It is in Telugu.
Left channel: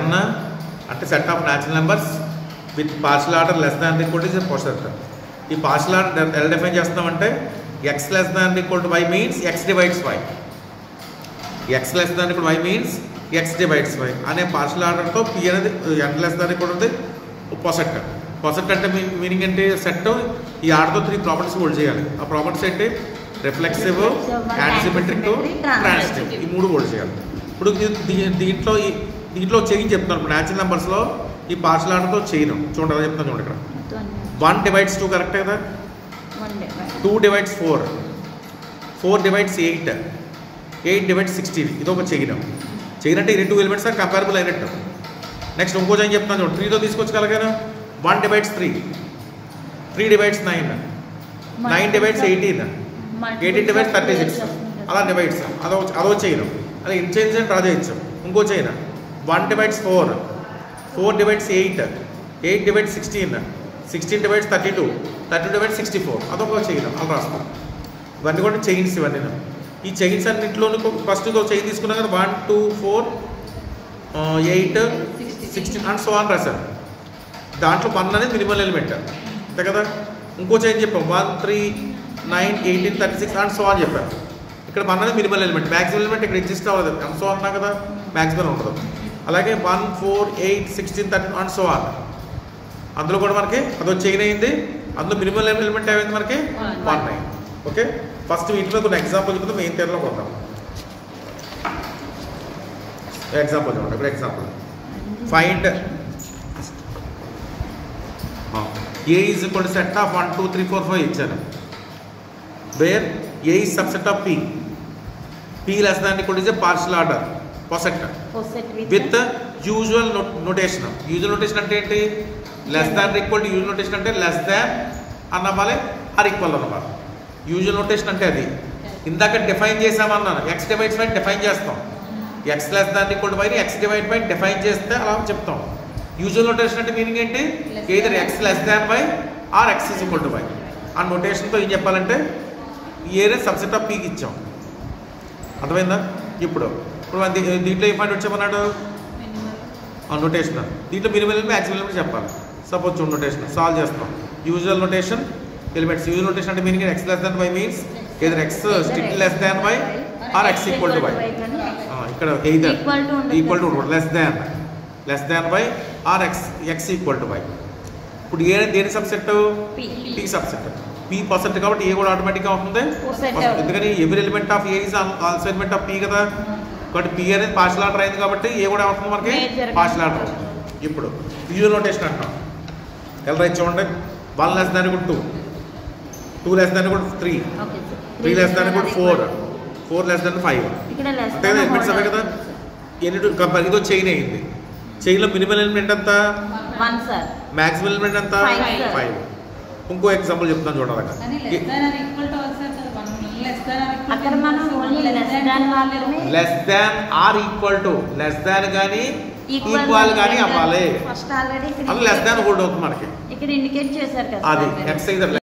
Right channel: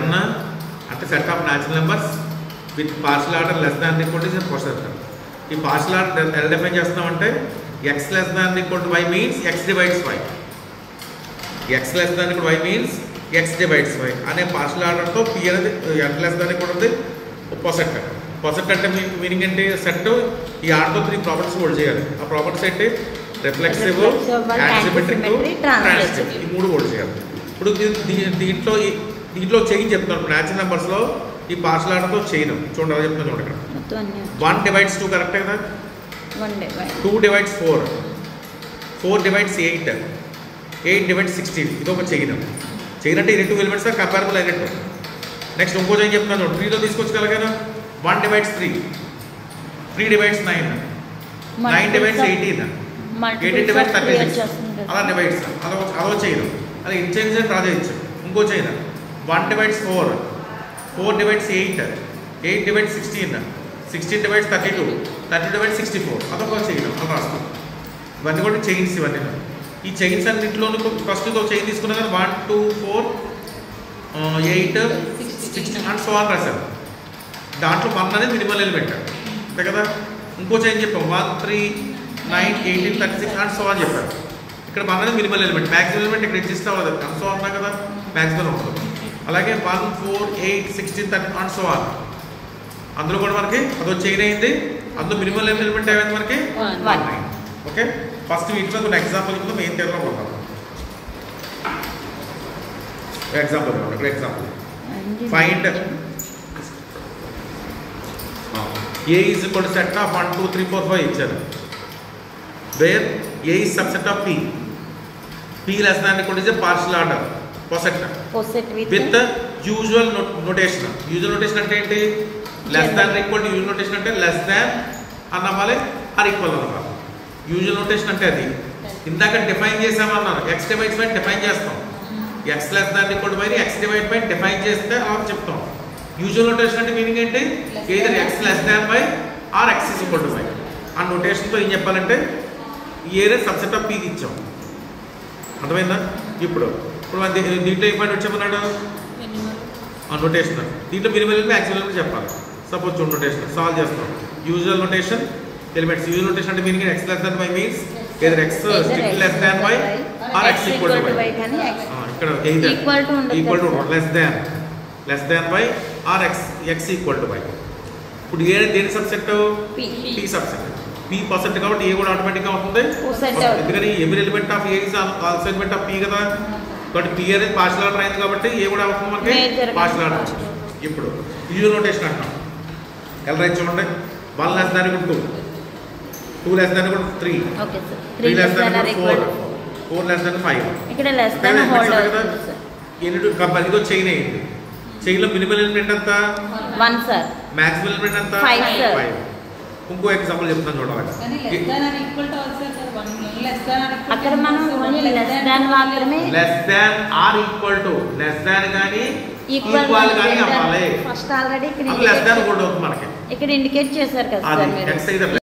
n అంటే set of natural numbers with partial order less than equal to poset. ఈ పార్షియల్ ఆర్డర్ ఎలా డిఫైన్ చేస్తామంటే x less than equal to y means x divides y. x less than equal to y means x divides y అనే పార్షియల్ ఆర్డర్తో p అనేది n less than equal to పొసెట్. పొసెట్ అంటే మీనింగ్ ఏంటి? సెట్ ఈ ఆర్డర్తో 3 ప్రాపర్టీస్ హోల్డ్ చేయాలి. ఆ ప్రాపర్టీస్ ఏంటి? Reflexive, asymmetric, transitive. ఈ 3 హోల్డ్ చేయాలి. ఇప్పుడు దీంట్లో చైన్ చెప్తున్నాను. న్యాచురల్ నెంబర్స్లో ఈ పార్షియల్ ఆర్డర్తో చైన్ చూడండి, అలా చెప్తున్నాను చూడండి. 1 divides 2 కరెక్ట్ కదా, 2 divides 4, 4 divides 8, 8 divides 16. ఇది ఒక చైన్. చైన్ అంటే ఈ 2 ఎలిమెంట్స్ కంపారబుల్ అయినట్టు. నెక్స్ట్ ఇంకో చైన్ చెప్తున్నాను, 3తో తీసుకొచ్చగలగానే 1 divides 3, 3 divides 9, 9 divides 18, 18 divides 36. అలా డివైడ్స్ అదో చైన్. అలా ఇన్చేంజ్ అని రాజేయచ్చు. ఇంకో chain 1 divides 4, 4 divides 8, 8 divides 16, 16 divides 32, 30 divides 64. అదొక చైన్ అలా రాస్తాం. ఇవన్నీ కూడా చైన్స్. ఇవన్నీ ఈ చైన్స్ అన్నింటిలో ఫస్ట్ చైన్ తీసుకున్నాను 1 2 4 8 16 అండ్ సో అని రాశాను. దాంట్లో 1 అనేది మినిమల్ ఎలిమెంట్ అంతే కదా. ఇంకో చైన్ చెప్పాం 1 3 9 18 36 అండ్ సో అని చెప్పాను. ఇక్కడ 1 అనేది మినిమల్ ఎలిమెంట్. మ్యాక్సిమం ఎలిమెంట్ ఇక్కడ ఎగ్జిస్ట్ అవ్వదు అండ్ సో అన్నా కదా, మ్యాక్సిమం ఉంటుంది. అలాగే 1 4 8 16 30 అండ్ సో ఆన్. అందులో కూడా మనకి అదో చైన్ అయింది. అందులో మినిమల్ ఎలిమెంట్ అయింది మనకి 1 9. ఓకే, ఫస్ట్ వీటిలో ఒక ఎగ్జాంపుల్ ఇప్పుడు మెయిన్ టైంలో కొడతాం. Example find a is equal to set of 1 2 3 4 5 ఇచ్చారు. where a is subset of p, p less than equal to partial order poset with the usual notation. usual notation అంటే ఏంటి? Less than equal to usual notation అంటే లెస్ దాన్ అన్నవాలి, ఆర్ ఈక్వల్ అన్నమాట. యూజువల్ నోటేషన్ అంటే అది ఇందాక డిఫైన్ చేసామన్నాను. x డివైడ్స్ బై డిఫైన్ చేస్తాం. x less than equal to y x divide by define చేస్తే అలా చెప్తాం. యూజువల్ నోటేషన్ అంటే మీనింగ్ ఏంటి? either x less than y or x is equal to y. ఆ నోటేషన్తో ఏం చెప్పాలంటే ఏరే సబ్సెట్ ఆఫ్ పీకి ఇచ్చాం. అర్థమైందా? ఇప్పుడు దీంట్లో ఏ పాయింట్ వచ్చామన్నాడు? ఆ నోటేషన్ దీంట్లో మినిమల్ మ్యాక్సిమం చెప్పాలి. సపోజ్ చూడండి, నోటేషన్ సాల్వ్ చేస్తాం. Usual notation elements. Usual notation అంటే meaning x less than y means either x strictly less than y or x equal to y. ఇక్కడ either equal to less than y or x equal to y. ఇప్పుడు ఏ దేని subset? p subset. p percent కాబట్టి ఏ కూడా ఆటోమేటిక్గా అవుతుంది. ఎందుకని every element of A is also element of p కదా. బట్ p అనేది పార్షియల్ ఆర్డర్ అయింది కాబట్టి ఏ కూడా అవుతుంది మనకి పార్షియల్ ఆర్డర్ వచ్చింది. ఇప్పుడు యూజువల్ నోటేషన్ అంటాం. ఎలా రైట్ చూడండి, 1 less than equal to 2, 2 less than equal to 3, 3 less than equal to 4, 4 less than 5. ఇక్కడ less than కదా. ఇదో చైన్ అయింది. చైన్ లో మినిమల్ ఎలిమెంట్ ఎంత? 1 సార్. మ్యాక్సిమం ఎలిమెంట్ ఎంత? 5. ఇంకో ఎగ్జాంపుల్ చెప్తాను చూడండి. అక్కడ మనం ఓన్లీ లెస్ దాన్ మాత్రమే, less than or equal to, less than గాని ఈక్వల్ గాని అవ్వాలి. ఫస్ట్ ఆల్రెడీ ఇక్కడ లెస్ దాన్ కూడా అవుతుంది మనకి. ఇక్కడ ఇండికేట్ చేశారు కదా. అది x అయితే